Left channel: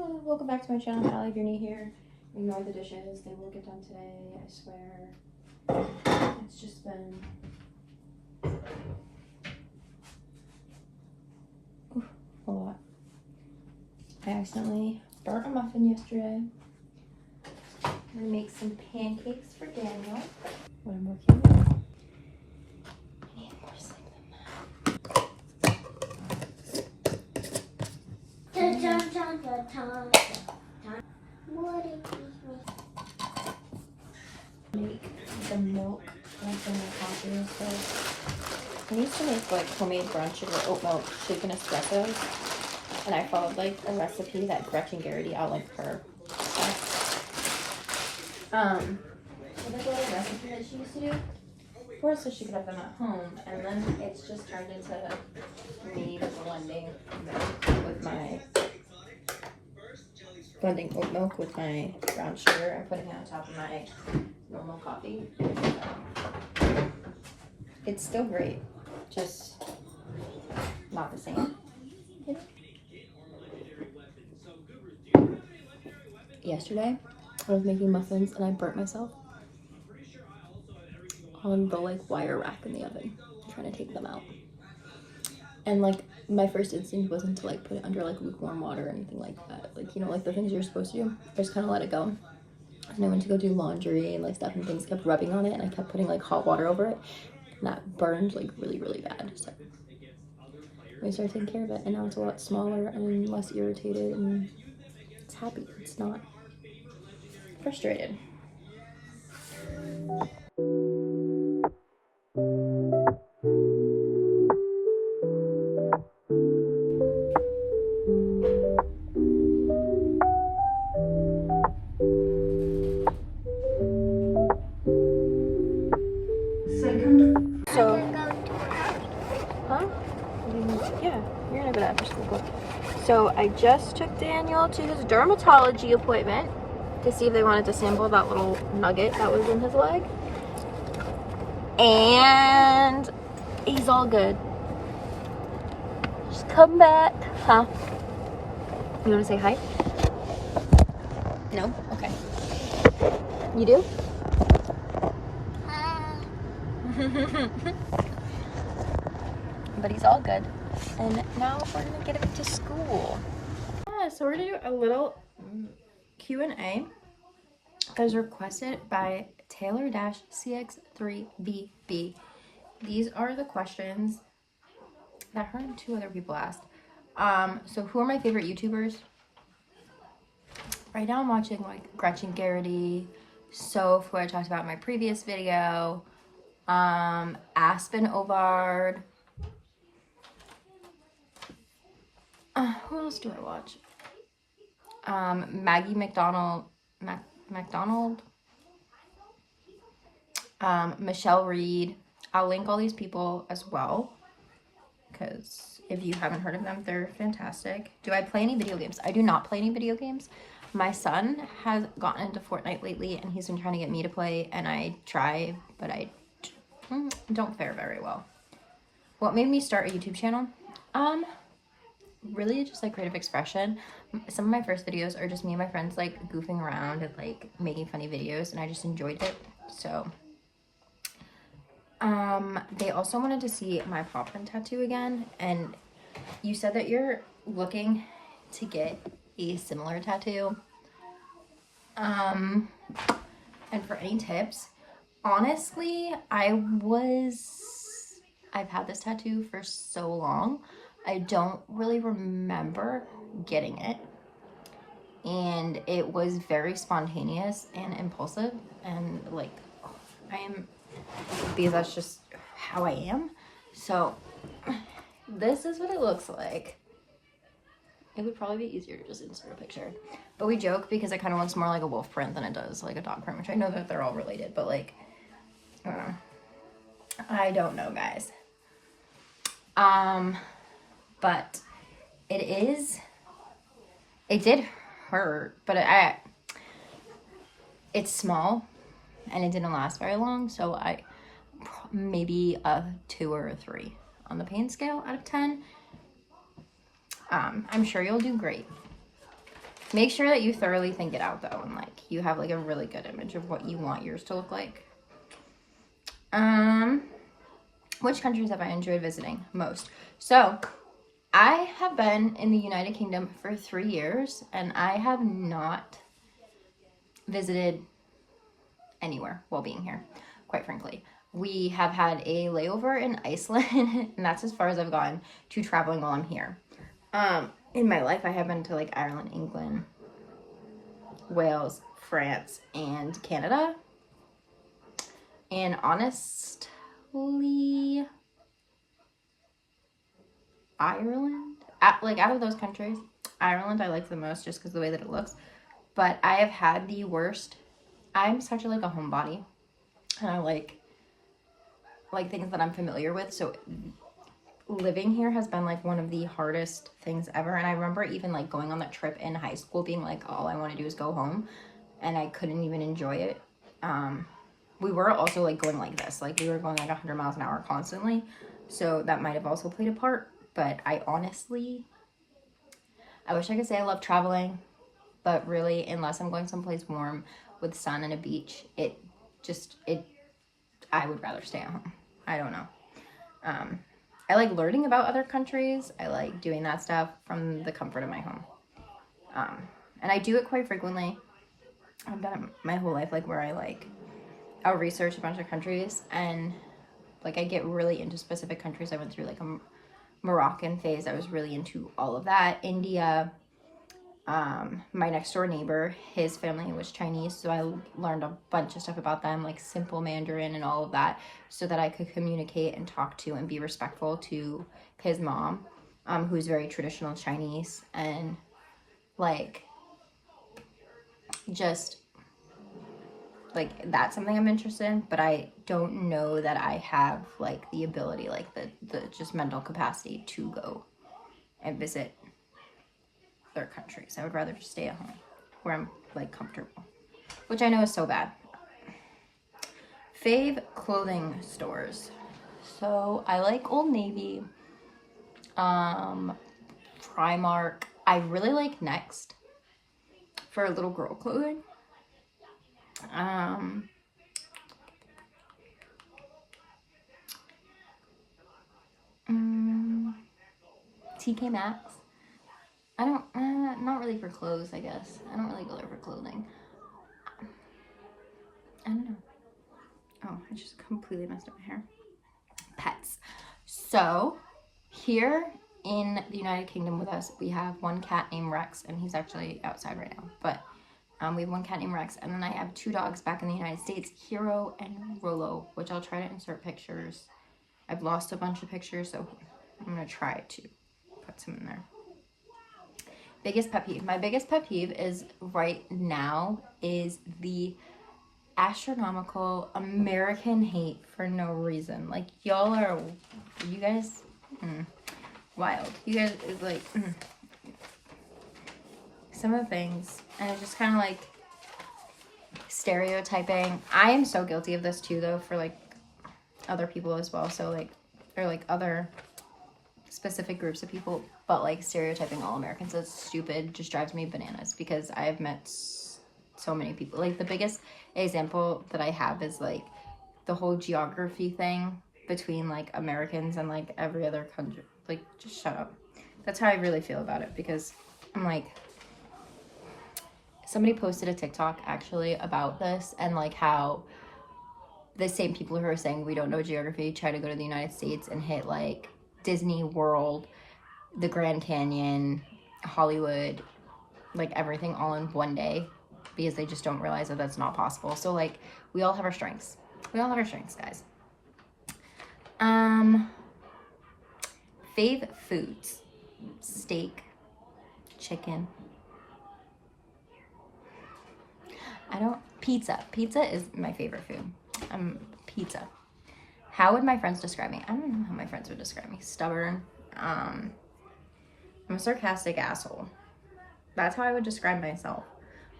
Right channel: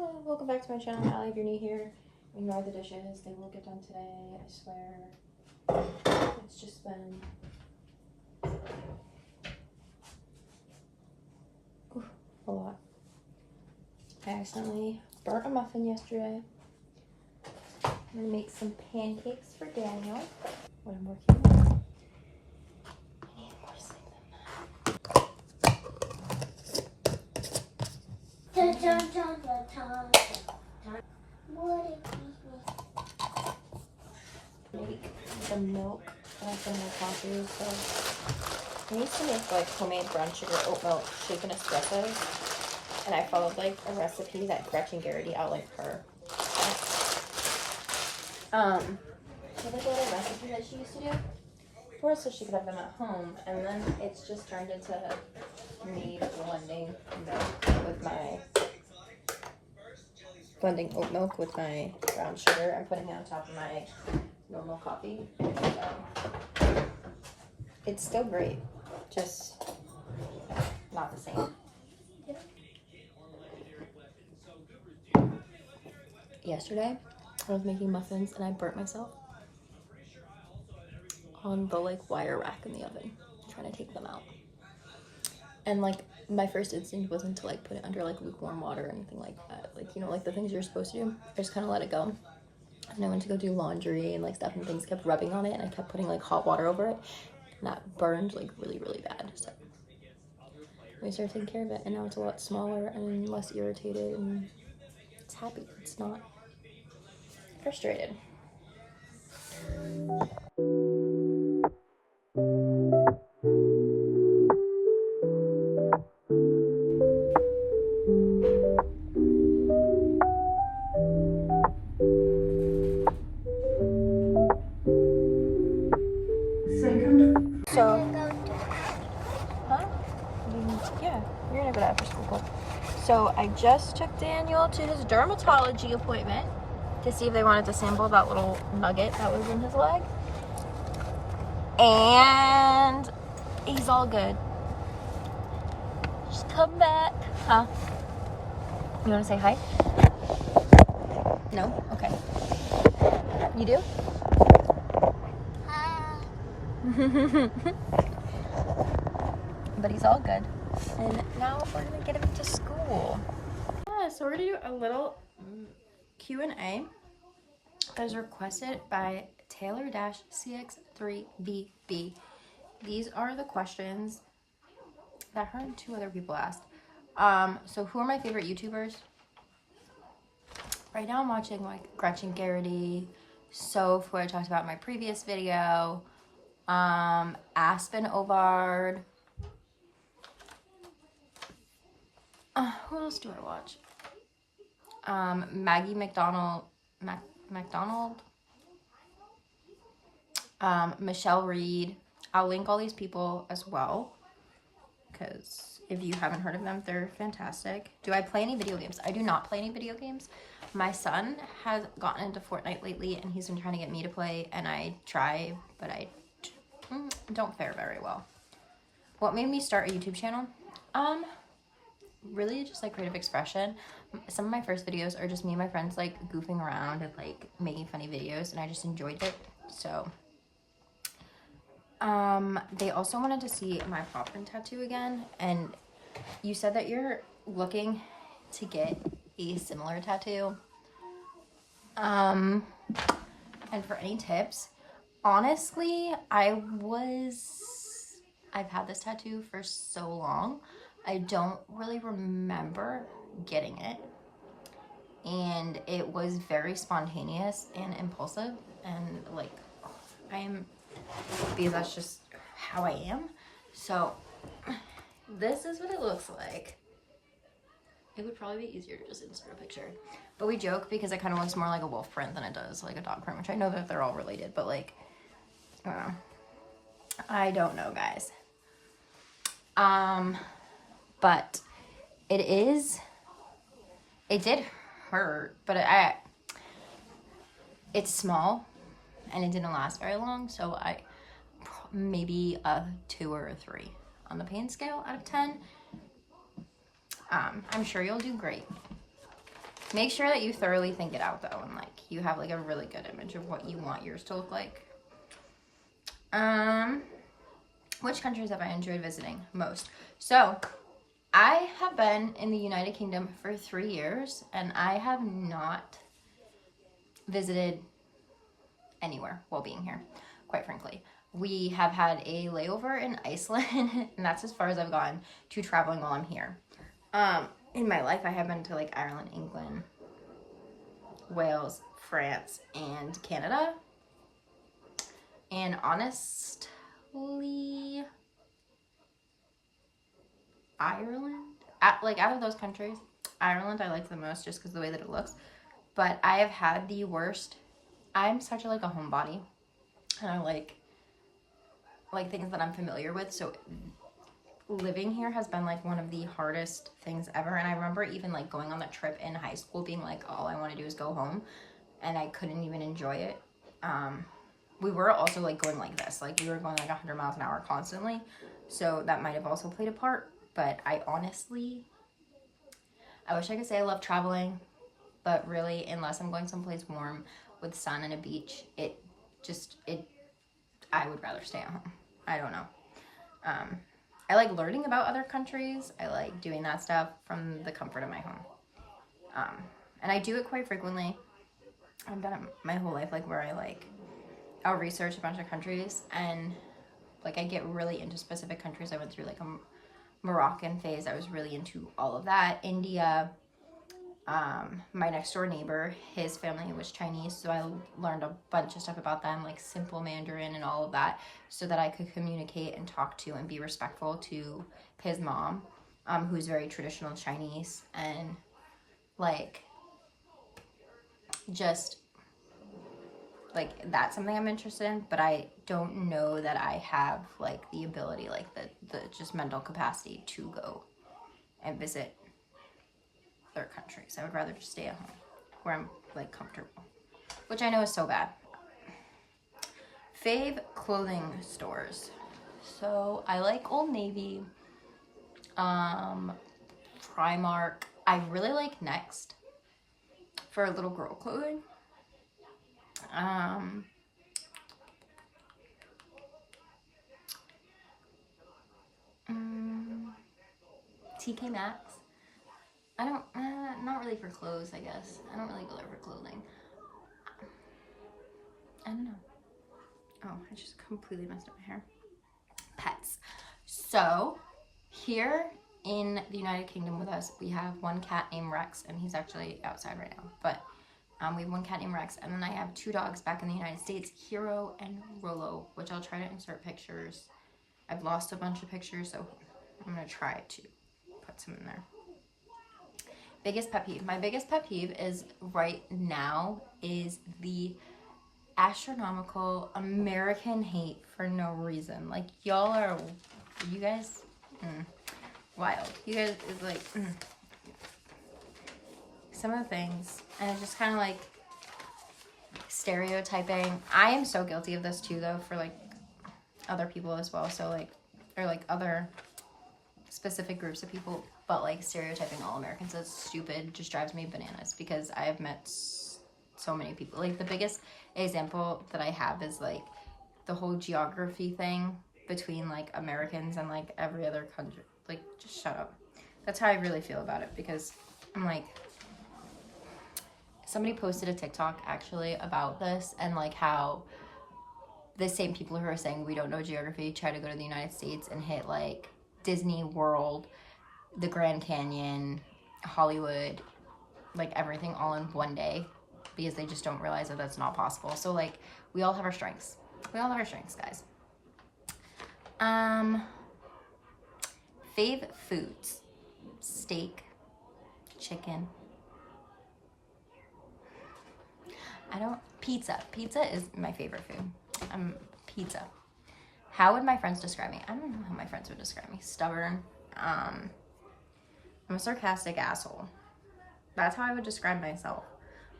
Hello, welcome back to my channel. I'm Allie. If you're new here, ignore the dishes. They will get done today, I swear. It's just been a lot. I accidentally burnt a muffin yesterday. I'm gonna make some pancakes for Daniel when I'm working with. I need more sleep Make the milk and some coffee. So I need to make like homemade brown sugar oat milk shaken espressos, and I followed like a recipe that Gretchen Garrity outlined for her. So like a little recipe that she used to do for us so she could have them at home, and then it's just turned into me blending oat milk with my brown sugar and putting it on top of my normal coffee. So it's still great, just not the same. Yesterday, I was making muffins and I burnt myself on the like wire rack in the oven, trying to take them out. And like my first instinct wasn't to like put it under like lukewarm water or anything like that. Like, you know, like the things you're supposed to do. I just kind of let it go. And I went to go do laundry and like stuff, and things kept rubbing on it, and I kept putting like hot water over it, and that burned like really, really bad. So we started taking care of it, and now it's a lot smaller and less irritated, and it's happy. It's not frustrated. So, huh? Yeah, you're gonna go to after school. Cool. So I just took Daniel to his dermatology appointment to see if they wanted to sample that little nugget that was in his leg. And he's all good. Just come back. Huh? You wanna say hi? No? Okay. You do? But he's all good. And now we're gonna get him into school. Yeah, so we're gonna do a little Q&A that was requested by Taylor-CX3BB. These are the questions that her and two other people asked. So who are my favorite YouTubers? Right now I'm watching like Gretchen Garrity, Soph, who I talked about in my previous video, Aspen Ovard. Who else do I watch? Maggie McDonald, Michelle Reed. I'll link all these people as well, because if you haven't heard of them, they're fantastic. Do I play any video games? I do not play any video games. My son has gotten into Fortnite lately, and he's been trying to get me to play, and I try, but I don't fare very well. What made me start a YouTube channel? Really just like creative expression. Some of my first videos are just me and my friends like goofing around and like making funny videos, and I just enjoyed it. So they also wanted to see my paw print tattoo again, and you said that you're looking to get a similar tattoo. And for any tips, honestly, I've had this tattoo for so long, I don't really remember getting it, and it was very spontaneous and impulsive, and like because that's just how I am. So this is what it looks like. It would probably be easier to just insert a picture, but we joke because it kind of looks more like a wolf print than it does like a dog print, which I know that they're all related, but like I don't know, guys. But it did hurt, but it's small and it didn't last very long, so I maybe a 2 or a 3 on the pain scale out of 10. I'm sure you'll do great. Make sure that you thoroughly think it out though, and like you have like a really good image of what you want yours to look like. Which countries have I enjoyed visiting most? So I have been in the United Kingdom for 3 years, and I have not visited anywhere while being here, quite frankly. We have had a layover in Iceland, and that's as far as I've gone to traveling while I'm here. In my life, I have been to like Ireland, England, Wales, France, and Canada. And honestly, Ireland, out of those countries, Ireland I like the most just because of the way that it looks. But I have had the worst. I'm such a homebody, and I like things that I'm familiar with. So living here has been like one of the hardest things ever. And I remember even like going on that trip in high school being like, all I want to do is go home, and I couldn't even enjoy it. We were also like going like this, like we were going like 100 miles an hour constantly, so that might have also played a part. But I wish I could say I love traveling, but really, unless I'm going someplace warm with sun and a beach, I would rather stay at home. I don't know. I like learning about other countries. I like doing that stuff from the comfort of my home. And I do it quite frequently. I've done it my whole life, like where I'll research a bunch of countries, and like I get really into specific countries. I went through like a Moroccan phase. I was really into all of that. India, my next door neighbor, his family was Chinese, so I learned a bunch of stuff about them, like simple Mandarin and all of that, so that I could communicate and talk to and be respectful to his mom, who's very traditional Chinese, and like just like that's something I'm interested in. But I don't know that I have like the ability, like the just mental capacity to go and visit their countries. I would rather just stay at home where I'm like comfortable, which I know is so bad. Fave clothing stores. So I like Old Navy, Primark. I really like Next for little girl clothing. TK Maxx. I don't, not really for clothes, I guess. I don't really go there for clothing. I don't know. Oh, I just completely messed up my hair. Pets. So, here in the United Kingdom with us, we have one cat named Rex, and he's actually outside right now. But we have one cat named Rex, and then I have 2 dogs back in the United States, Hero and Rolo, which I'll try to insert pictures. I've lost a bunch of pictures, so I'm going to try to put some in there. Biggest pet peeve. My biggest pet peeve is right now is the astronomical American hate for no reason. Like, y'all are, you guys, wild. You guys is like, some of the things, and it's just kind of like stereotyping. I am so guilty of this too, though, for like other people as well. So like, or like other specific groups of people, but like stereotyping all Americans as stupid just drives me bananas, because I have met so many people. Like the biggest example that I have is like the whole geography thing between like Americans and like every other country. Like, just shut up. That's how I really feel about it, because I'm like, somebody posted a TikTok actually about this, and like how the same people who are saying we don't know geography try to go to the United States and hit like Disney World, the Grand Canyon, Hollywood, like everything all in one day, because they just don't realize that that's not possible. So like, we all have our strengths. We all have our strengths, guys. Fave foods. Steak, chicken. Pizza. Pizza is my favorite food. Pizza. How would my friends describe me? I don't know how my friends would describe me. Stubborn. I'm a sarcastic asshole. That's how I would describe myself.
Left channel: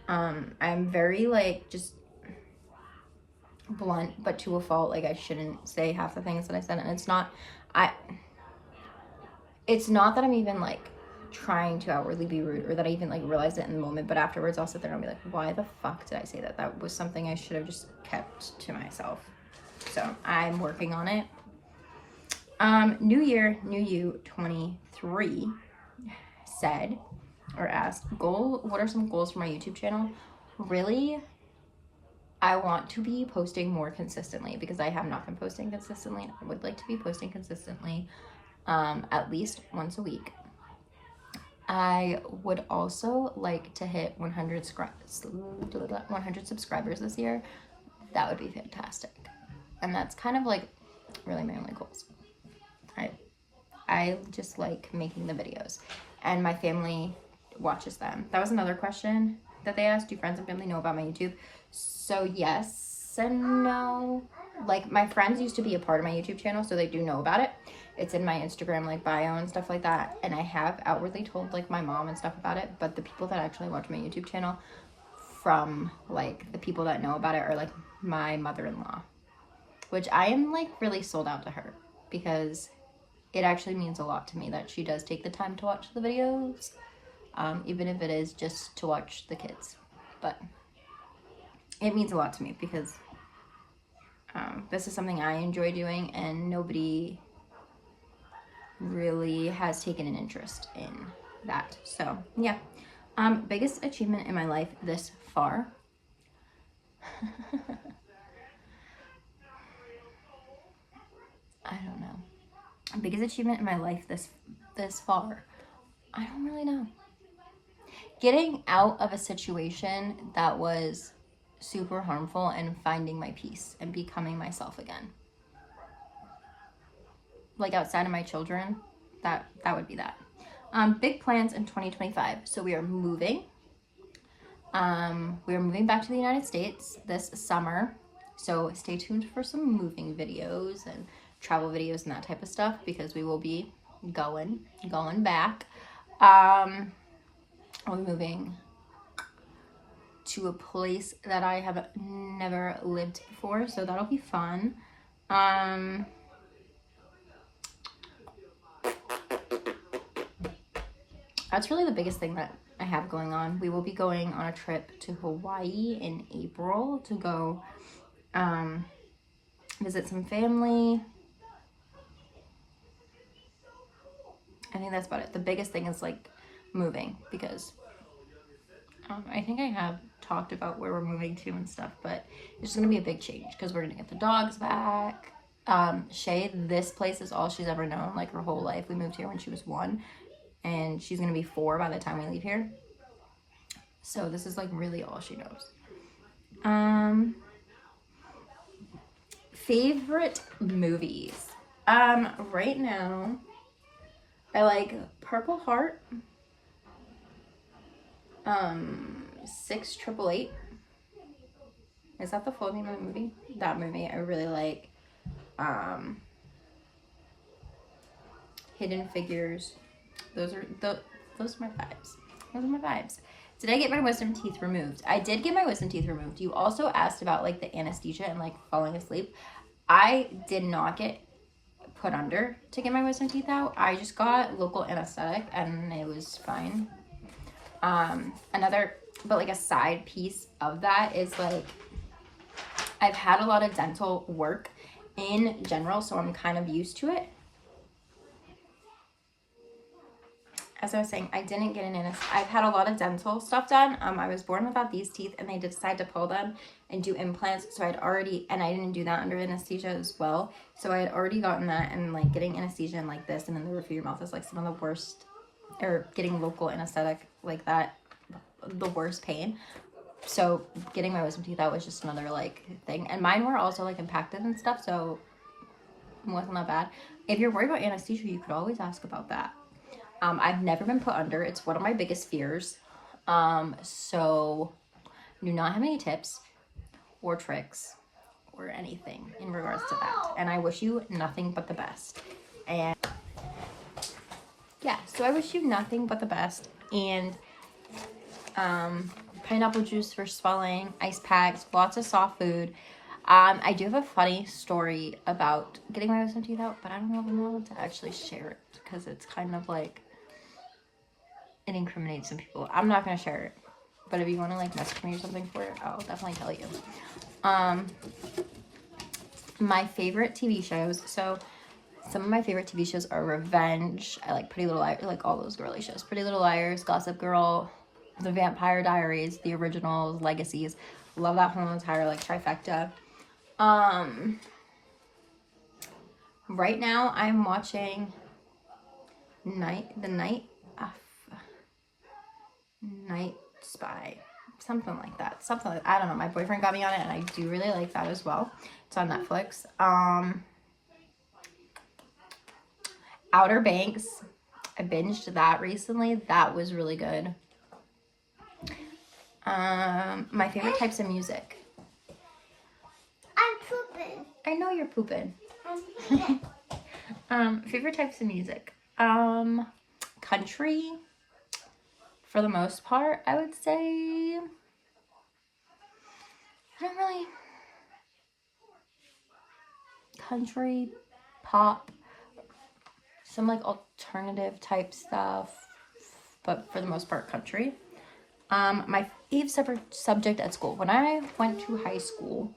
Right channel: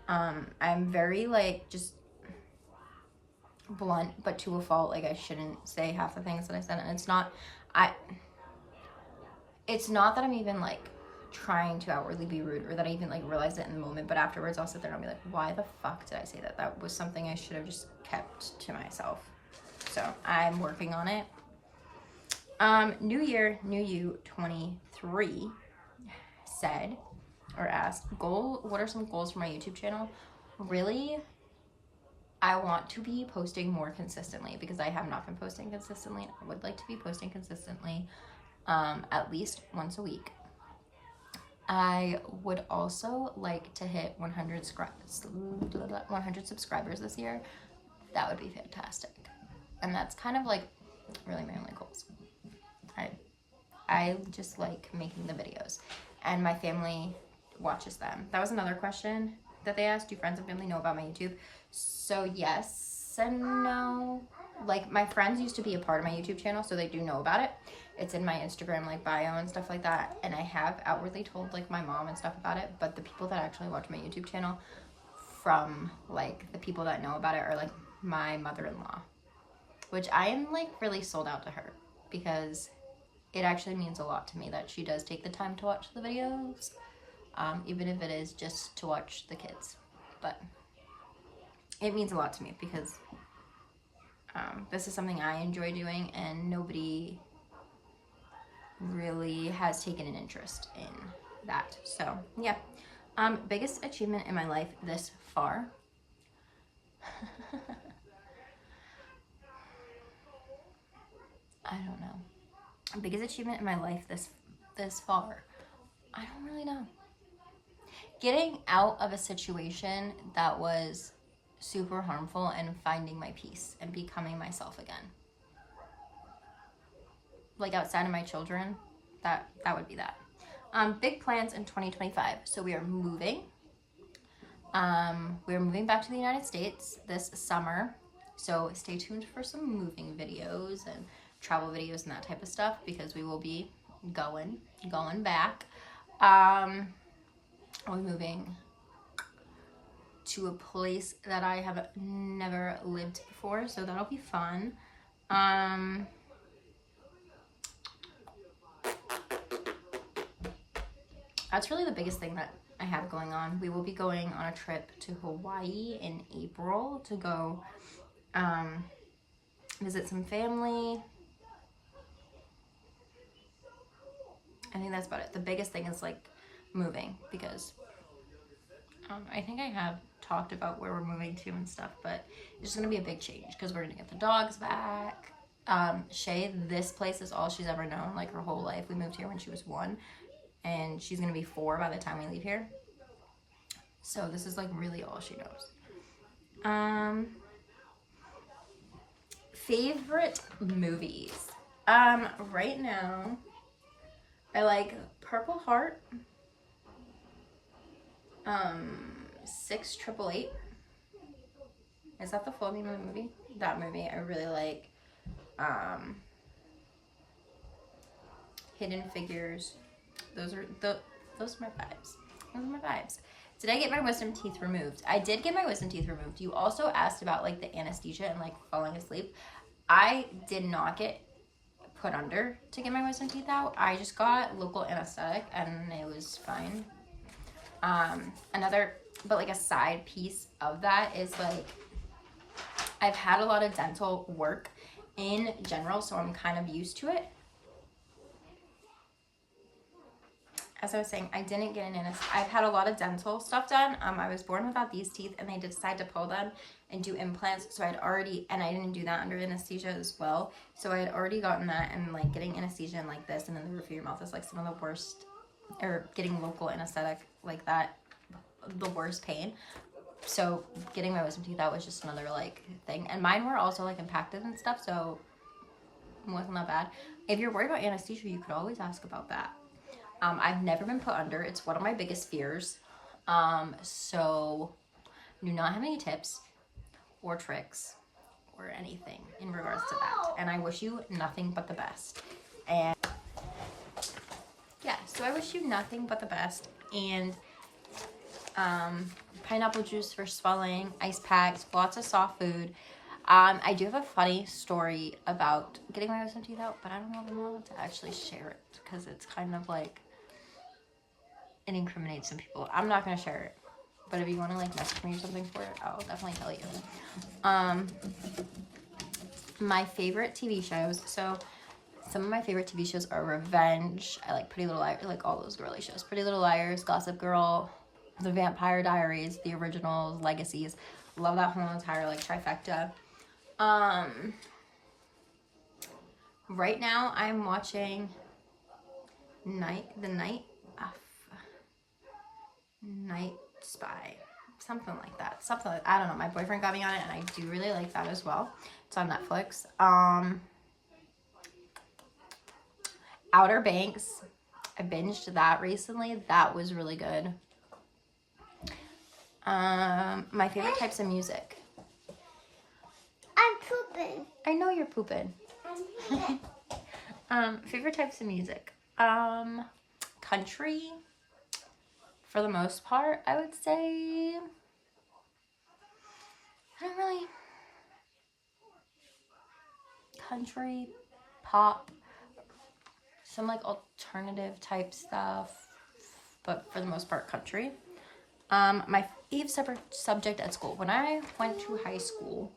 I'm very like just blunt, but to a fault. Like, I shouldn't say half the things that I said, and it's not that I'm even like trying to outwardly be rude or that I even like realized it in the moment, but afterwards I'll sit there and I'll be like, why the fuck did I say that? That was something I should have just kept to myself. So I'm working on it. New Year, New You 23 said or asked, what are some goals for my YouTube channel? Really, I want to be posting more consistently because I have not been posting consistently, and I would like to be posting consistently at least once a week. I would also like to hit 100 subscribers this year. That would be fantastic. And that's kind of like really my only goals. I just like making the videos, and my family watches them. That was another question that they asked. Do friends and family know about my YouTube? So yes and no. Like, my friends used to be a part of my YouTube channel, so they do know about it. It's in my Instagram like bio and stuff like that, and I have outwardly told like my mom and stuff about it, but the people that actually watch my YouTube channel, from like the people that know about it, are like my mother-in-law, which I am like really sold out to her, because it actually means a lot to me that she does take the time to watch the videos, even if it is just to watch the kids. But it means a lot to me because this is something I enjoy doing, and nobody really has taken an interest in that. So yeah. Biggest achievement in my life this far. I don't know. Biggest achievement in my life this far. I don't really know. Getting out of a situation that was super harmful and finding my peace and becoming myself again. Like, outside of my children, that would be that. Big plans in 2025. So we are moving. We are moving back to the United States this summer. So stay tuned for some moving videos and travel videos and that type of stuff, because we will be going back. We'll be moving to a place that I have never lived before, so that'll be fun. That's really the biggest thing that I have going on. We will be going on a trip to Hawaii in April to go visit some family. I think that's about it. The biggest thing is like moving, because I think I have talked about where we're moving to and stuff, but it's gonna be a big change because we're gonna get the dogs back. Shay, this place is all she's ever known, like her whole life. We moved here when she was 1, and she's gonna be 4 by the time we leave here. So this is like really all she knows. Favorite movies. Right now, I like Purple Heart, 688. Is that the full name of the movie? That movie I really like. Hidden Figures. Those are my vibes. Those are my vibes. Did I get my wisdom teeth removed? I did get my wisdom teeth removed. You also asked about like the anesthesia and like falling asleep. I did not get put under to get my wisdom teeth out. I just got local anesthetic and it was fine. But like a side piece of that is like, I've had a lot of dental work in general, so I'm kind of used to it. As I was saying, I didn't get an anesthetic. I've had a lot of dental stuff done. I was born without these teeth, and they decided to pull them and do implants. So and I didn't do that under anesthesia as well. So I had already gotten that, and like getting anesthesia and like this and in the roof of your mouth is like some of the worst, or getting local anesthetic like that, the worst pain. So getting my wisdom teeth out was just another like thing. And mine were also like impacted and stuff, so it wasn't that bad. If you're worried about anesthesia, you could always ask about that. I've never been put under. It's one of my biggest fears. So do not have any tips or tricks or anything in regards to that. And I wish you nothing but the best. And yeah, so I wish you nothing but the best. And pineapple juice for swelling, ice packs, lots of soft food. I do have a funny story about getting my wisdom teeth out, but I don't know if I'm allowed to actually share it because it's kind of like it incriminates some people. I'm not gonna share it, but if you want to like message me or something for it, I'll definitely tell you. My favorite TV shows. So some of my favorite TV shows are Revenge. I like Pretty Little Liars, like all those girly shows. Pretty Little Liars, Gossip Girl, The Vampire Diaries, the originals, Legacies. Love that whole entire like trifecta. Right now I'm watching Night Spy. Something like that. I don't know. My boyfriend got me on it and I do really like that as well. It's on Netflix. Outer Banks. I binged that recently. That was really good. My favorite types of music. I'm pooping. I know you're pooping. Favorite types of music. Country. For the most part, I would say. I don't really. Country, pop, some like alternative type stuff, but for the most part, country. My favorite subject at school. When I went to high school,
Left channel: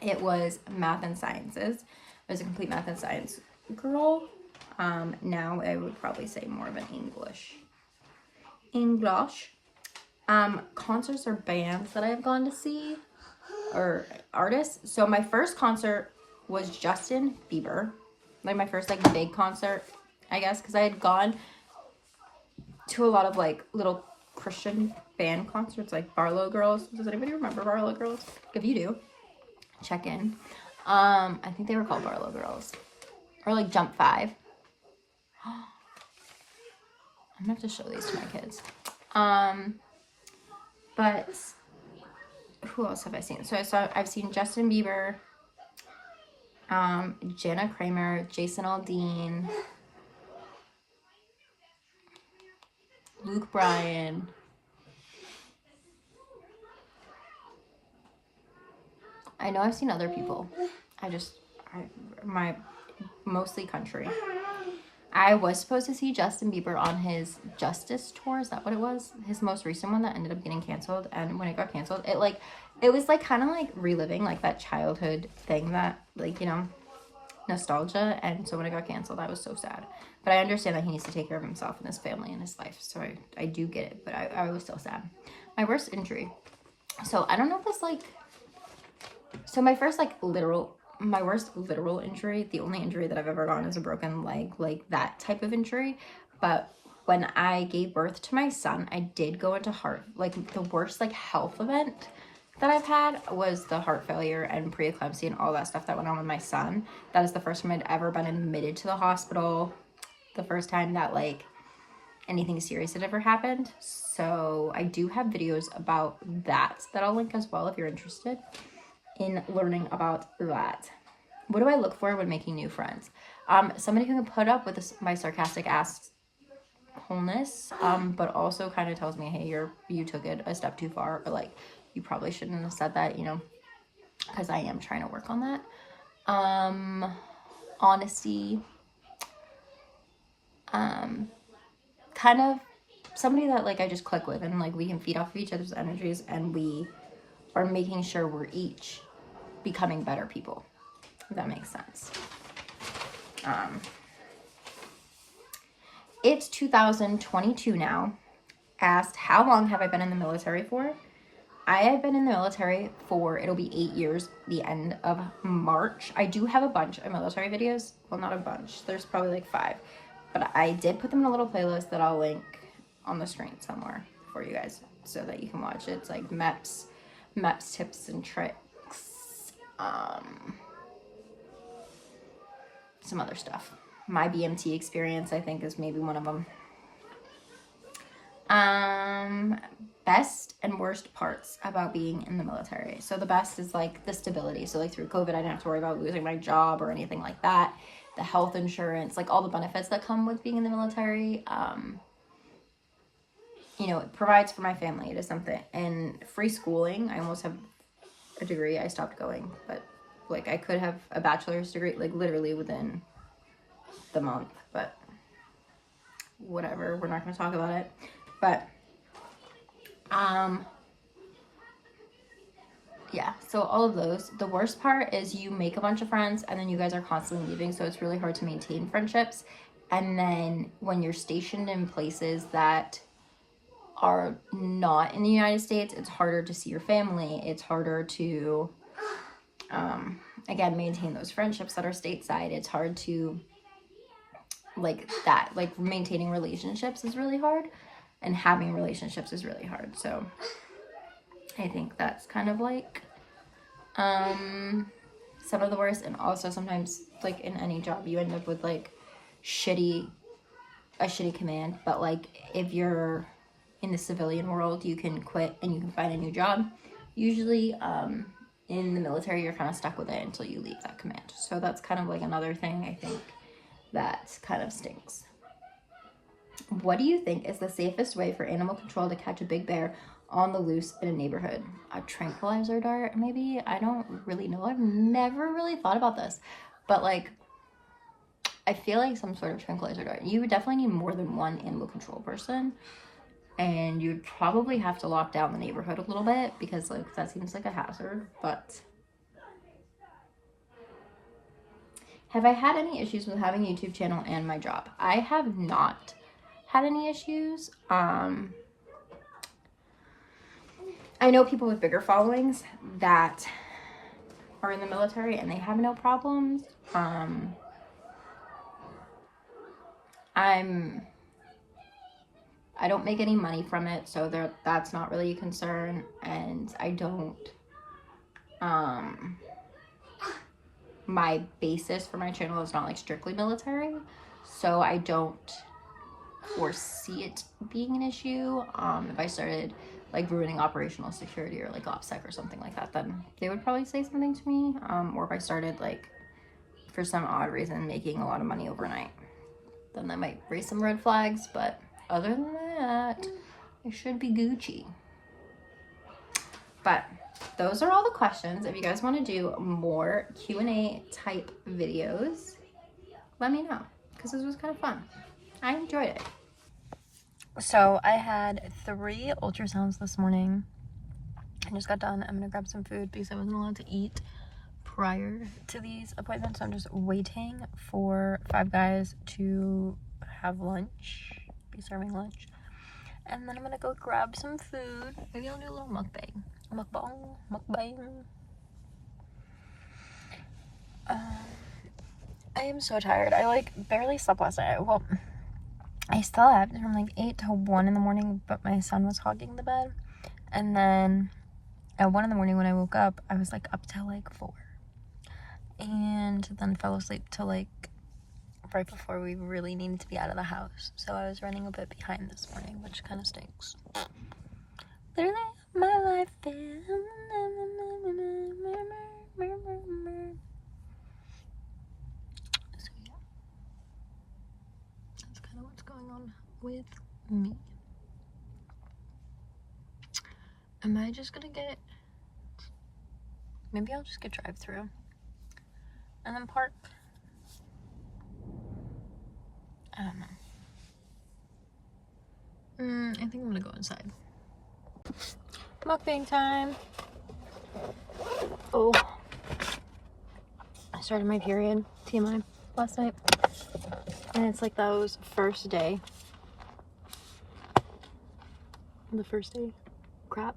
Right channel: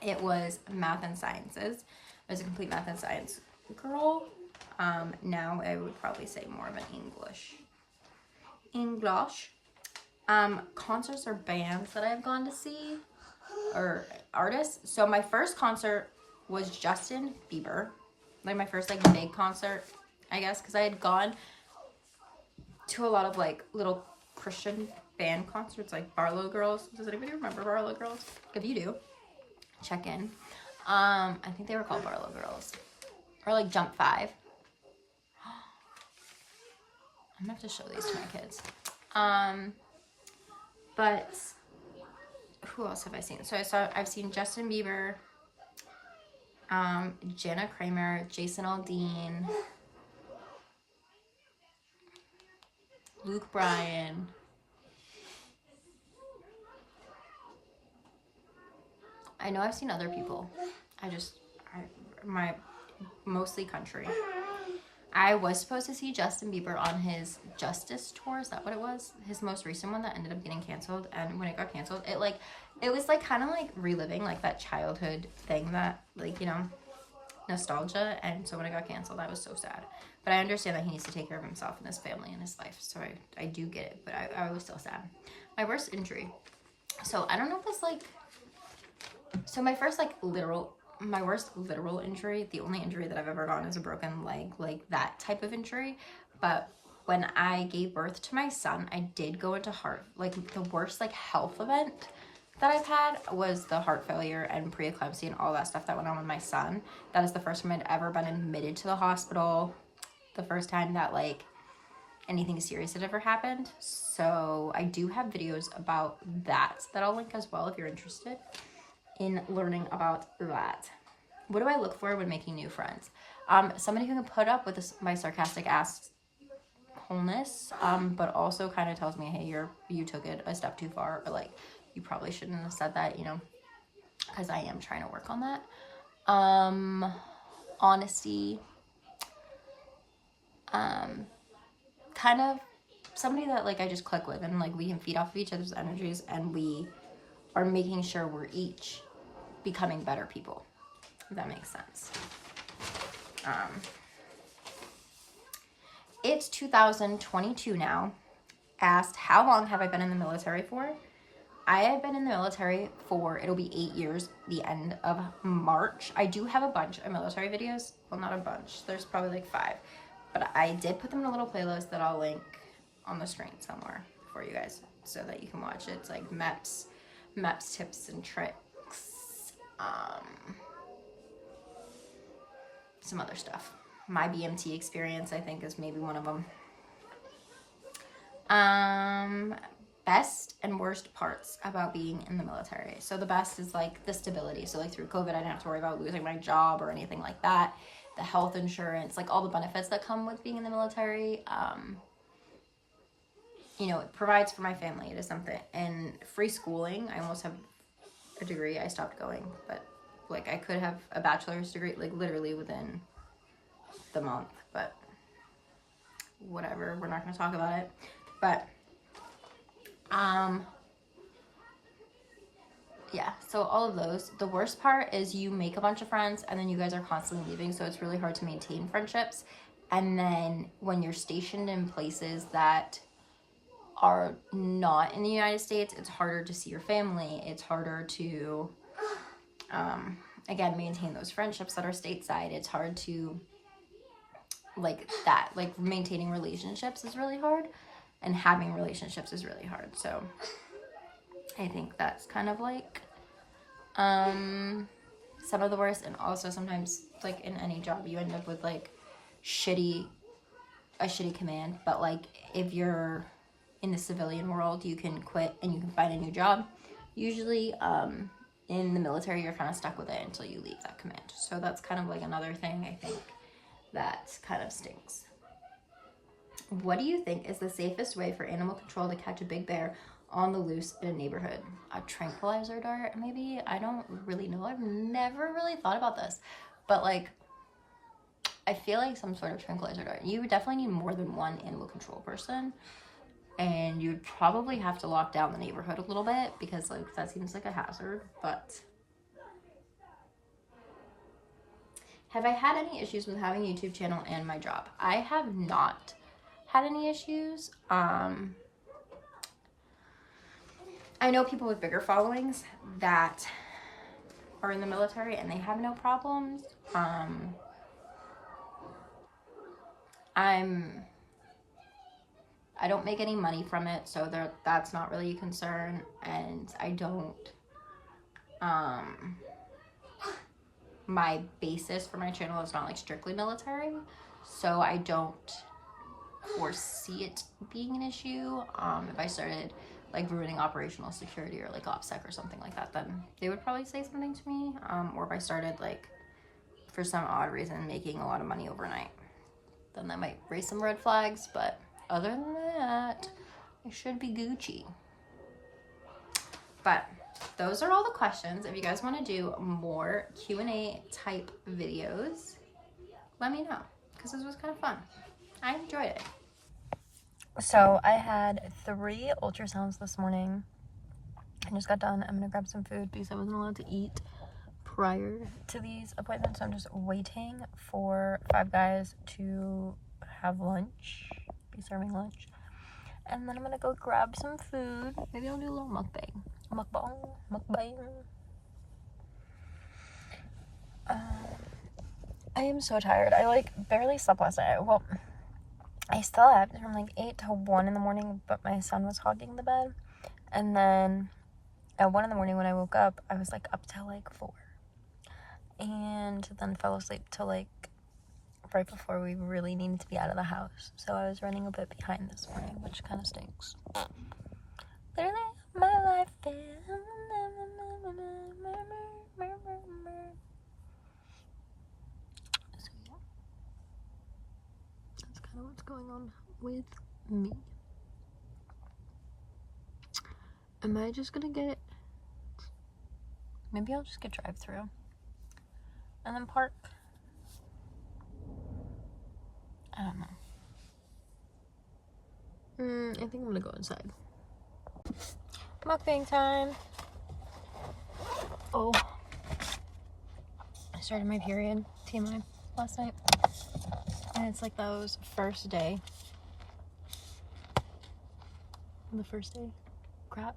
it was math and sciences. I was a complete math and science girl. Now I would probably say more of an English. Concerts or bands that I've gone to see, or artists. So my first concert was Justin Bieber, like my first like big concert, I guess, because I had gone to a lot of like little Christian band concerts, like Barlow Girls. Does anybody remember Barlow Girls? If you do, check in. I think they were called Barlow Girls, or like Jump 5. I'm gonna have to show these to my kids. But who else have I seen? So I've seen Justin Bieber, Jana Kramer, Jason Aldean, Luke Bryan, I know I've seen other people. My mostly country. I was supposed to see Justin Bieber on his Justice tour. Is that what it was? His most recent one that ended up getting canceled. And when it got canceled, it was like kind of like reliving like that childhood thing that like, you know, nostalgia. And so when it got canceled, I was so sad. But I understand that he needs to take care of himself and his family and his life. So I do get it. But I was still sad. My worst injury. So I don't know if it's like... So my worst literal injury, the only injury that I've ever gotten is a broken leg, like that type of injury. But when I gave birth to my son, I did go into the worst like health event that I've had was the heart failure and preeclampsia and all that stuff that went on with my son. That is the first time I'd ever been admitted to the hospital. The first time that like anything serious had ever happened. So I do have videos about that I'll link as well if you're interested in learning about that. What do I look for when making new friends? Somebody who can put up with my sarcastic assholeness, but also kind of tells me, hey, you took it a step too far, or like you probably shouldn't have said that, you know, because I am trying to work on that. Honesty, kind of somebody that like I just click with and like we can feed off of each other's energies and we are making sure we're each becoming better people, if that makes sense. It's 2022 now. Asked, how long have I been in the military for? I have been in the military for, it'll be 8 years, the end of March. I do have a bunch of military videos. Well, not a bunch. There's probably like 5. But I did put them in a little playlist that I'll link on the screen somewhere for you guys so that you can watch it. It's like MEPS tips and tricks. Some other stuff. My BMT experience, I think, is maybe one of them. Best and worst parts about being in the military. So the best is like the stability. So like through COVID, I didn't have to worry about losing my job or anything like that. The health insurance, like all the benefits that come with being in the military. You know, it provides for my family. It is something. And free schooling, I almost have a degree. I stopped going, but like I could have a bachelor's degree like literally within the month, but whatever. We're not going to talk about it. But, yeah, so all of those. The worst part is you make a bunch of friends and then you guys are constantly leaving, so it's really hard to maintain friendships. And then when you're stationed in places that are not in the United States, it's harder to see your family. It's harder to, again, maintain those friendships that are stateside. It's hard to, like that, like maintaining relationships is really hard, and having relationships is really hard. So I think that's kind of like some of the worst. And also sometimes, like in any job, you end up with like a shitty command. But like if you're in the civilian world, you can quit and you can find a new job. Usually in the military, you're kind of stuck with it until you leave that command. So that's kind of like another thing I think that kind of stinks. What do you think is the safest way for animal control to catch a big bear on the loose in a neighborhood? A tranquilizer dart, maybe? I don't really know. I've never really thought about this. But like, I feel like some sort of tranquilizer dart. You would definitely need more than one animal control person. And you'd probably have to lock down the neighborhood a little bit because like that seems like a hazard. But have I had any issues with having a YouTube channel and my job? I have not had any issues. I know people with bigger followings that are in the military and they have no problems. I don't make any money from it, so that's not really a concern. And I don't, my basis for my channel is not like strictly military, so I don't foresee it being an issue. If I started like ruining operational security or like OPSEC or something like that, then they would probably say something to me. Or if I started like for some odd reason making a lot of money overnight, then that might raise some red flags. But other than that, I should be Gucci. But those are all the questions. If you guys want to do more Q&A type videos, let me know, because this was kind of fun. I enjoyed it. So I had 3 ultrasounds this morning. I just got done. I'm gonna grab some food because I wasn't allowed to eat prior to these appointments. So I'm just waiting for Five Guys to have lunch, be serving lunch. And then I'm gonna go grab some food. Maybe I'll do a little mukbang. Mukbang. I am so tired. I like barely slept last night. Well, I slept from like 8 to 1 in the morning, but my son was hogging the bed. And then at 1 in the morning when I woke up, I was like up till like 4. And then fell asleep till like right before we really needed to be out of the house. So I was running a bit behind this morning, which kind of stinks. Literally, my life is... So yeah, that's kind of what's going on with me. Am I just gonna get... Maybe I'll just get drive-through and then park. I don't know. I think I'm gonna go inside. Mukbang time. Oh, I started my period, TMI, last night. And it's like those first day. The first day crap.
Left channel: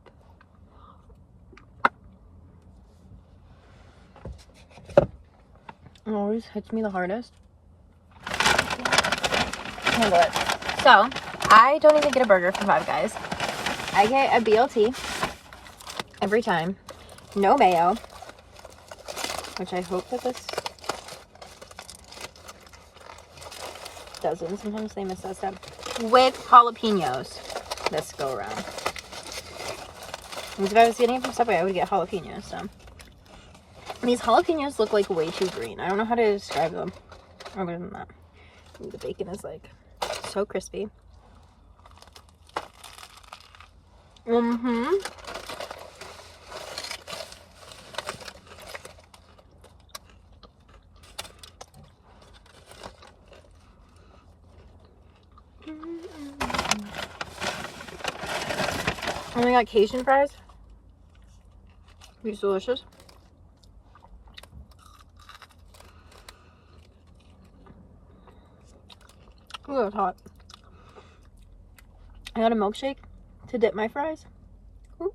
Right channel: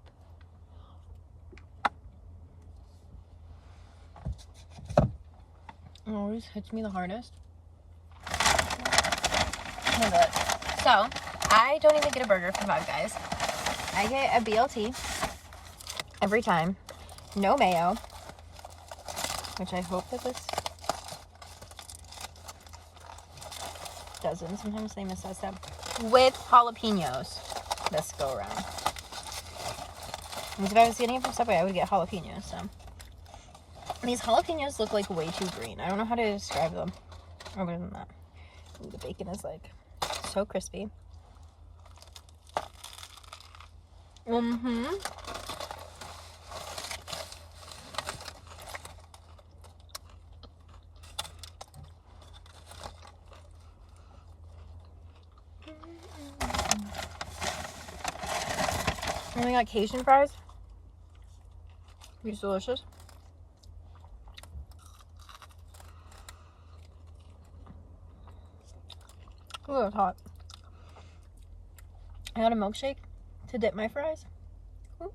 It always hits me the hardest. Handle it. So, I don't even get a burger from Five Guys. I get a BLT every time. No mayo. Which I hope that this doesn't. Sometimes they miss that step. With jalapenos this go around. Because if I was getting it from Subway, I would get jalapenos. So these jalapenos look like way too green. I don't know how to describe them other than that. Ooh, the bacon is like so crispy. And we got Cajun fries. These delicious. Ooh, it's hot. I got a milkshake to dip my fries. Ooh.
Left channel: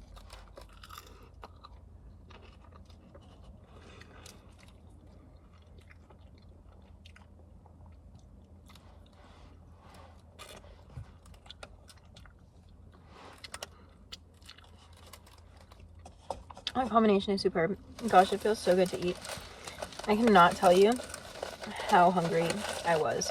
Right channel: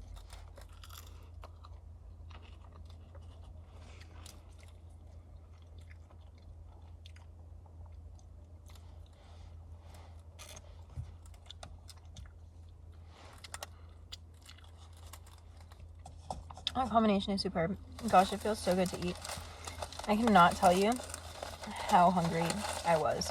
That combination is superb. Gosh, it feels so good to eat. I cannot tell you how hungry I was